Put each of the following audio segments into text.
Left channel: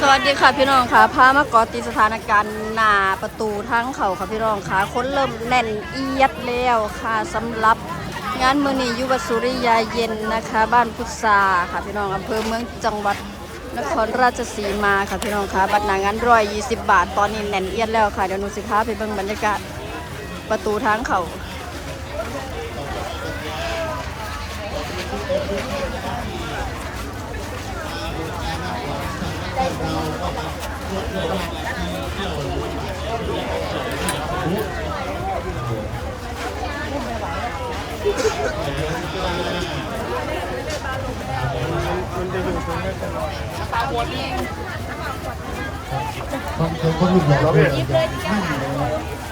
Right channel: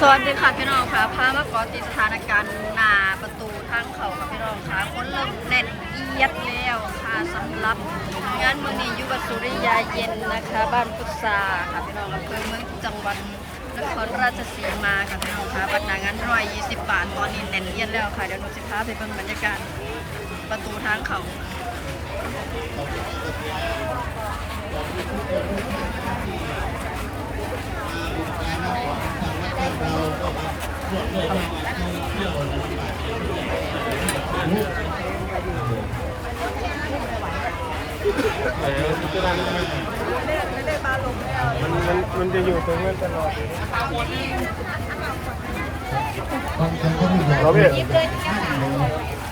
สวัสดีค่ะพี่น้องค่ะพามาเกอติดสถานการณ์หน้าประตูทั้งเขาค่ะพี่น้องค่ะคนเริ่มแน่นเอียดแล้วค่ะสำหรับงานมือนี้ยุวสุริยาเย็นนะคะ บ้านพุทราค่ะพี่น้องอำเภอเมืองจังหวัดนครราชสีมาค่ะพี่น้องค่ะบัตรหนางานร้อยยี่สิบบาทตอนนี้แน่นเอียดแล้วค่ะเดี๋ยวนูสิพาไปเบิ่งบรรยากาศประตูทางเขา ต้องต้องต้องรู้บอกเลย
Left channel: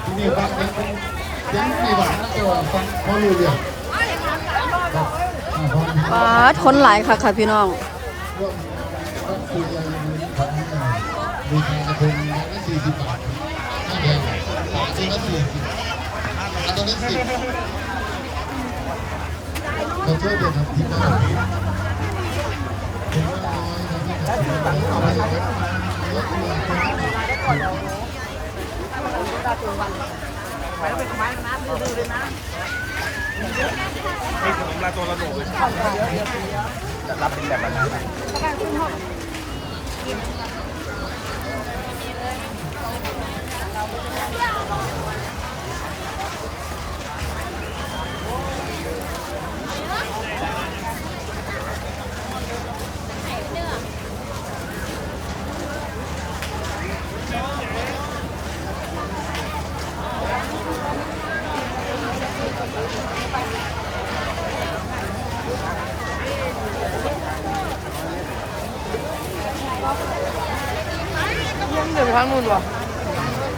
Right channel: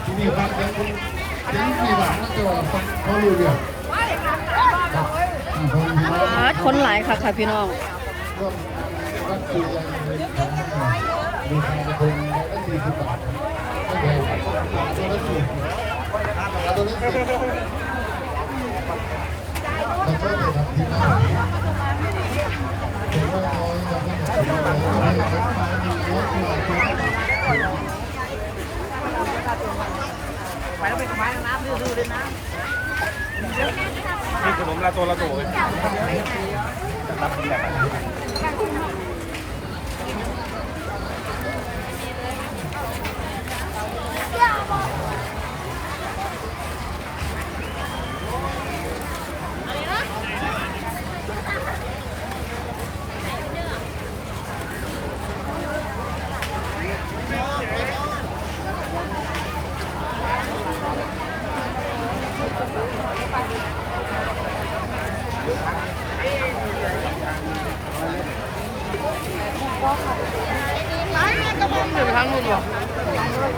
ที่นี่ฟังเป็นเสียงมีหวังนะแต่ว่าฟังพอรู้เรื่องรับอ่าพอมีบาดคนหลายค่ะค่ะพี่น้อง ร่วมร่วมคุยกันพันมีทางคงละสี่สิบบาทไม่แพงเส้นละสี่สิบแล้วก็ละสิบแล้วก็เดี๋ยวทำที่หน้าเอา Hãy subscribe บ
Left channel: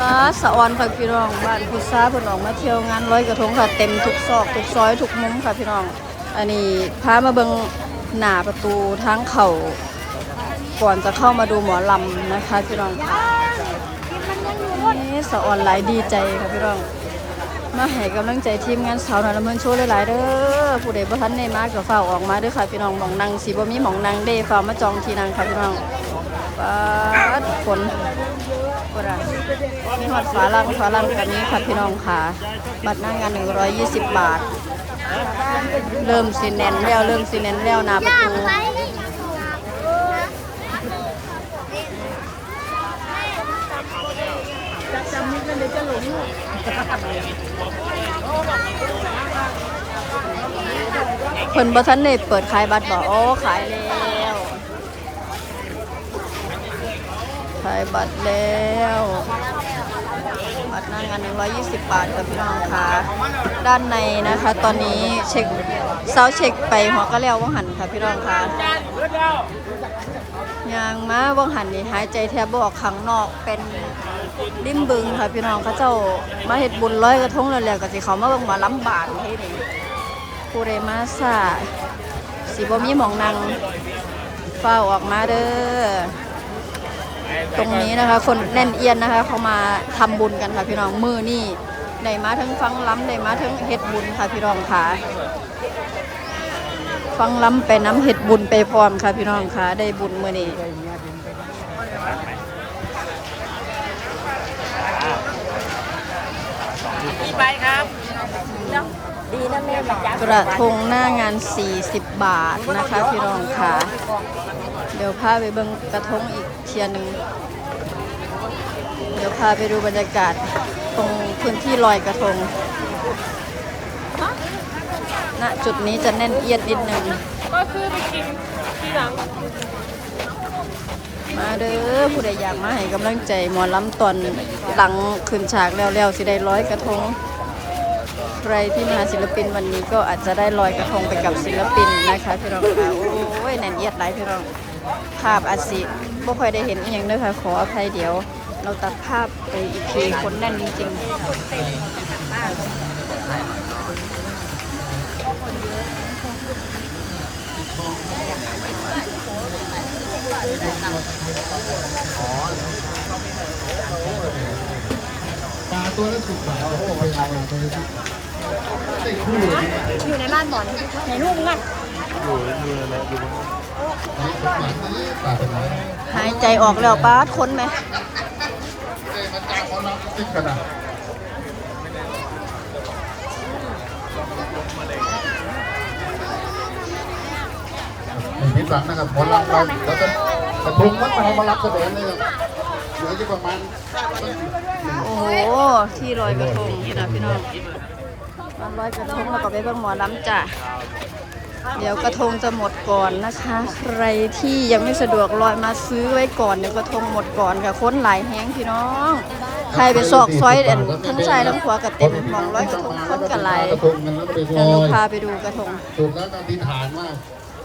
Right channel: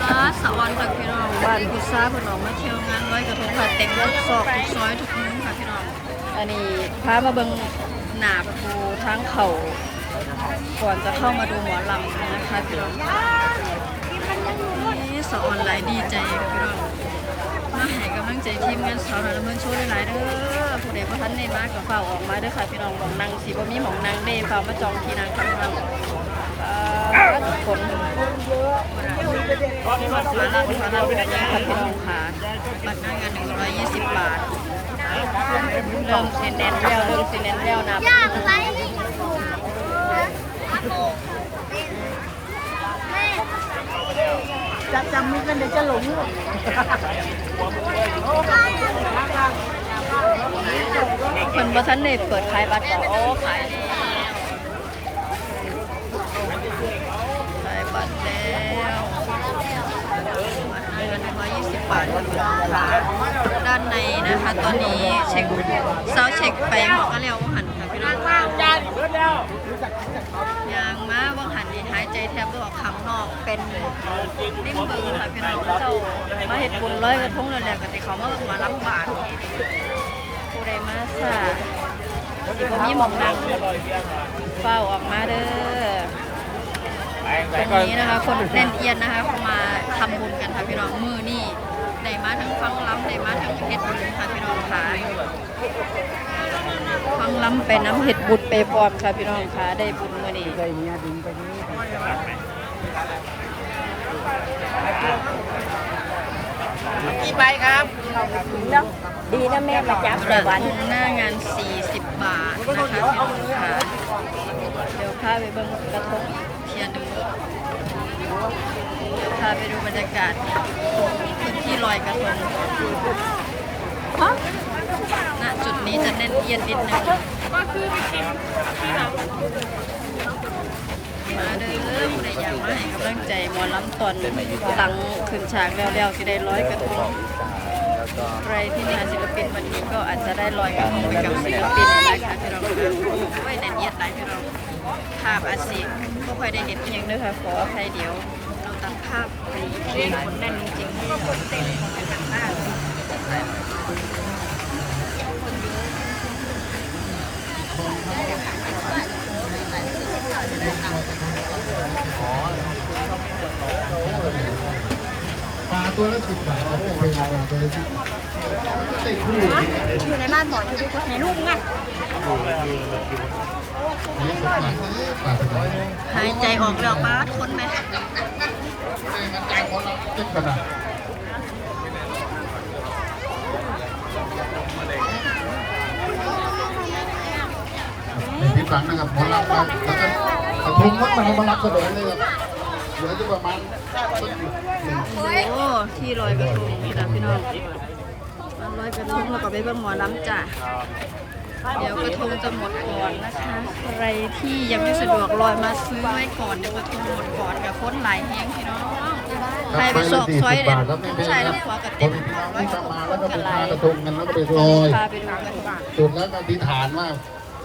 ป้าสะออนค่ะพี่น้องบ้านพุทราพิ่นออกมาเที่ยวงานร้อยกระทงค่ะเต็มทุกซอกทุกซอยทุกมุมค่ะพี่น้อง อันนี้พามาเบิ่งหน้าประตูทางเขาก่อนจะเข้ามาดูหมอลำนะคะพี่น้องค่ะนี่สะออนหลายดีใจค่ะพี่น้อง มาให้กำลังใจทีมงานสาวหน่อยละเมินโชว์หลายๆเด้อผู้ใดบ่ทันได้มาก็เฝ้าออกมาเด้อค่ะพี่น้องหมองนั่งสิบ่มีหมองนั่งเด้เฝ้ามาจองที่นั่งค่ะพี่น้องป้าทุกคนบ่ได้ฝาลังฝาลังแบบนี้ค่ะพี่น้องค่ะบัตรหน้างาน 120 บาท เริ่มสิเน้นแล้วเริ่มสิเน้นแล้วนะ จะจำมุกกันเดี๋ยวจะหลงเพิ่นบ่ทันได้เปิดขายบัตรบอกโอ้ขายแล้วขายบัตรแล้ว บัตรหน้างาน 120 บาทค่ะพี่น้องค่ะด้านในนะคะ ตอนนี้เช็คเซาเช็คไปหัวก็แล้วว่างหันค่ะพี่น้องค่ะยางมาว่างหันนี่หายใจแทบบอกข้างนอกเป็นริมบึงค่ะพี่น้องเขาเจ้ามาเห็ดบุญร้อยกระทงแล้วแหละก็สิเขามาเบิ่งมาล้ำบาทผู้ใดมาซาสิบ่มีหมองนังเฝ้าออกมาเด้อ ตรงนี้นะคะ คนแน่นเอียนนะคะเขามาทำบุญกันค่ะพี่น้องมือนี่ได้มาทั้งฟังล้ำได้มาทั้งเฮ็ดบุญค่ะพี่น้องค่ะฟังล้ำไปน้ำเฮ็ดบุญไปพร้อมค่ะพี่น้องค่ะได้บุญมือนี้กี่ใบครับกระทงหน้างาน 40 บาทนะคะพี่น้องค่ะเดี๋ยวพาไปเบิ่งกระทงอีกเทียนหนึ่งเดี๋ยวพาไปดูบรรยากาศตรงพื้นที่ลอยกระทงณจุดนี้จะแน่นเอียดนิดนึงมาเด้อผู้ใดอยากมาให้กำลังใจหมอล้ำตอนหลังขึ้นฉากแล้วๆสิได้ร้อยกระทงใครที่มาศิลปินวันนี้ก็อาจจะได้ลอยกระทงไปกับศิลปินนะคะพี่น้องค่ะโอ้ยแน่นเอียดหลายพี่น้อง ภาพอาจสิบ่ค่อยได้เห็นเองนะคะขออภัยเดี๋ยว เราตัดภาพไปอีกทีคนแน่นจริงๆปลาตัวละสิบบาทโอ้โหเอาไปเลยที่ติดคู่เลยอยู่ในบ้านบ่อนไหนลูกไงปาดไปไหายใจออกแล้วป้าดคนไหมติดกันนะไม่ผิดหวังนะครับผลลัพธ์เราแล้วก็กระทงนั้นเรามารับเสนอเลยเหลืออยู่ประมาณโอ้โหที่ลอยกระทงพี่นะพี่น้องลอยกระทงแล้วก็ไปเบิ่งหมอลำจ้ะ เดี๋ยวกระทงจะหมดก่อนนะคะ ใครที่ยังไม่สะดวกลอยมาซื้อไว้ก่อนเดี๋ยวกระทงหมดก่อนอย่าค้นหลายแห้งพี่น้องใครไปซอกซอยเด่นทั้งชายทั้งขวากระเต็มของร้อยกระทงค้นกันหลายกระทงกันแล้วไปลอยพาไปดูกระทงจุดแล้วอธิษฐานว่า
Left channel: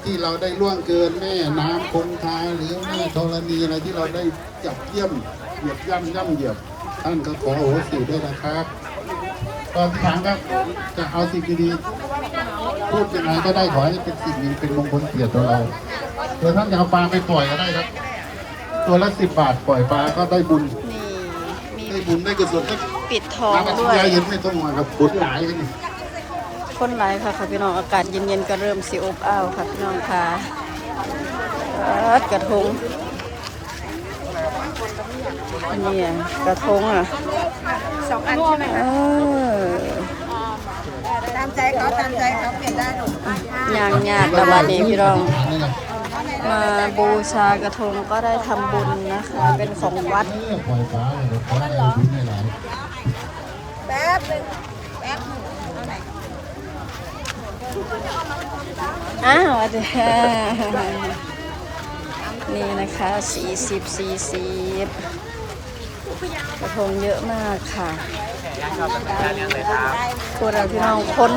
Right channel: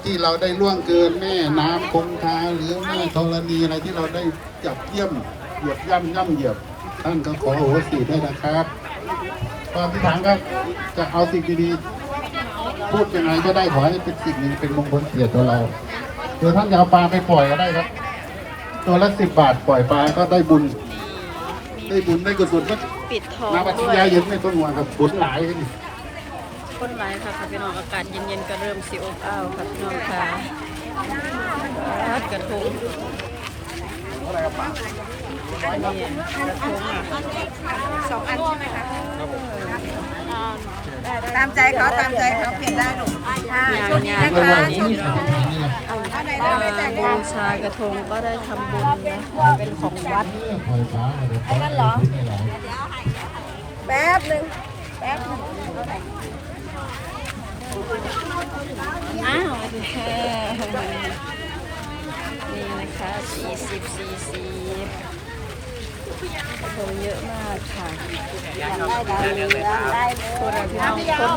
ที่เราได้ล่วงเกินแม่น้ำคงคาหรือแม่ธรณีอะไรที่เราได้จับเยี่ยมเหยียบย่ำย่ำเหยียบท่านก็ขอโอโหสิด้วยนะครับก็อธิฐานครับจะเอาสิ่งดีๆ พูดยังไงก็ได้ขอให้เป็นสิ่งนี้เป็นมงคลเกียรติของเราโดยท่านจะเอาปลาไปปล่อยก็ได้ครับ ตัวละสิบบาทปล่อยปลาก็ได้บุญนี่ได้บุญได้กุศลได้ปิดทองด้วยเย็นไม่ต้องห่วงกับบุญหลายกันนี่คนหลายค่ะค่ะพี่น้องอากาศเย็นๆก็เริ่มสิอบอ้าวค่ะพี่น้องค่ะปัดกระทงอันนี้อะกระทงอะสองอันใช่ไหมเออตามใจเขาตามใจเขากินได้หนูงานงานประมาณนี้พี่น้องนี่แหละมาบูชากระทงก็ได้ทำบุญนะคะ เป็นของวัดเออปล่อยฟ้าเลยนะฟ้าเลยบุญให้หลายแป๊บนึงอ้าวอาจารย์นี่นะคะสี่สิบสี่สิบ กระทงเยอะมากค่ะพวกเราพี่น้องคน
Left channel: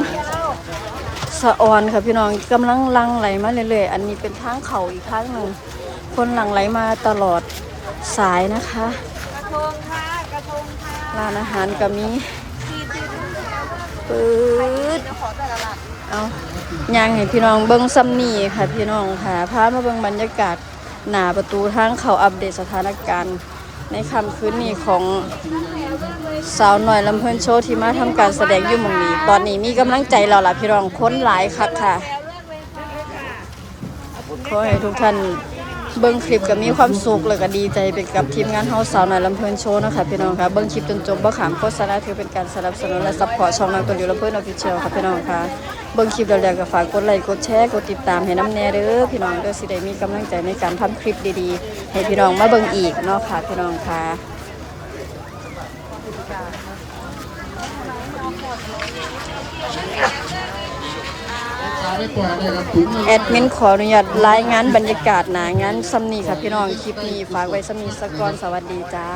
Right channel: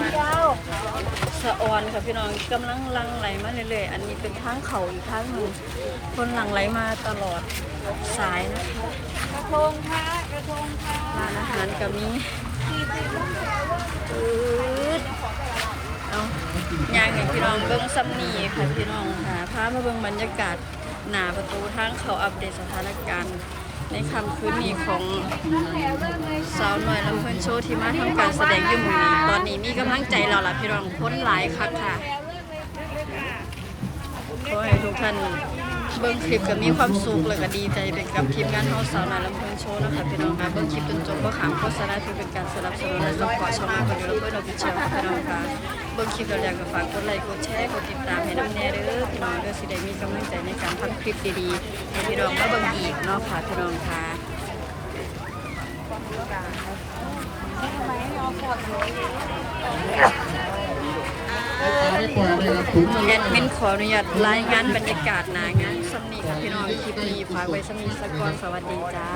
สะออนค่ะพี่น้องกำลังหลังไหลมาเรื่อยๆ อันนี้เป็นทางเขาอีกทางหนึ่งคนหลังไหลมาตลอดสายนะคะ กระทงค่ะ กระทงค่ะร้านอาหารก็มีปืดเอาย่างให้พี่น้องเบิ้งซัมนี่ค่ะพี่น้องค่ะพามาเบิ้งบรรยากาศหน้าประตูทางเขาอัปเดตสถานการณ์ ในคำคืนนี้ของสาวหน่อยลำเพลินโชว์ที่มาทำการแสดงอยู่หมองนี้ ตอนนี้มีกำลังใจแล้วล่ะพี่รองค้นหลายคักค่ะขอให้ทุกท่าน เบิ้งคลิปก็มีความสุขแล้วก็ดีใจไปกับทีมงานเฮาสาวหน่อยลำเพลินโชว์นะคะพี่น้องค่ะเบิ้งคลิปจนจบบ่ขามโฆษณาถือเป็นการสนับสนุนและซัพพอร์ตช่องนางตัวอยู่ลำเพลินออฟฟิเชียลค่ะพี่น้องค่ะเบิ้งคลิปแล้วๆก็ฝากกดไลค์กดแชร์กดติดตามให้น้ำแน่เด้อพี่น้องเด้อสิได้มีกำลังใจในการทำคลิปดีๆให้พี่น้องมาเบิ้งอีกเนาะค่ะพี่น้องค่ะ แอดมินขออนุญาตรายงานบรรยากาศหนางานซัมนี่ค่ะพี่น้อง คลิปนี้ฝากไว้ซัมนี่สกกอนสวัสดีจ้า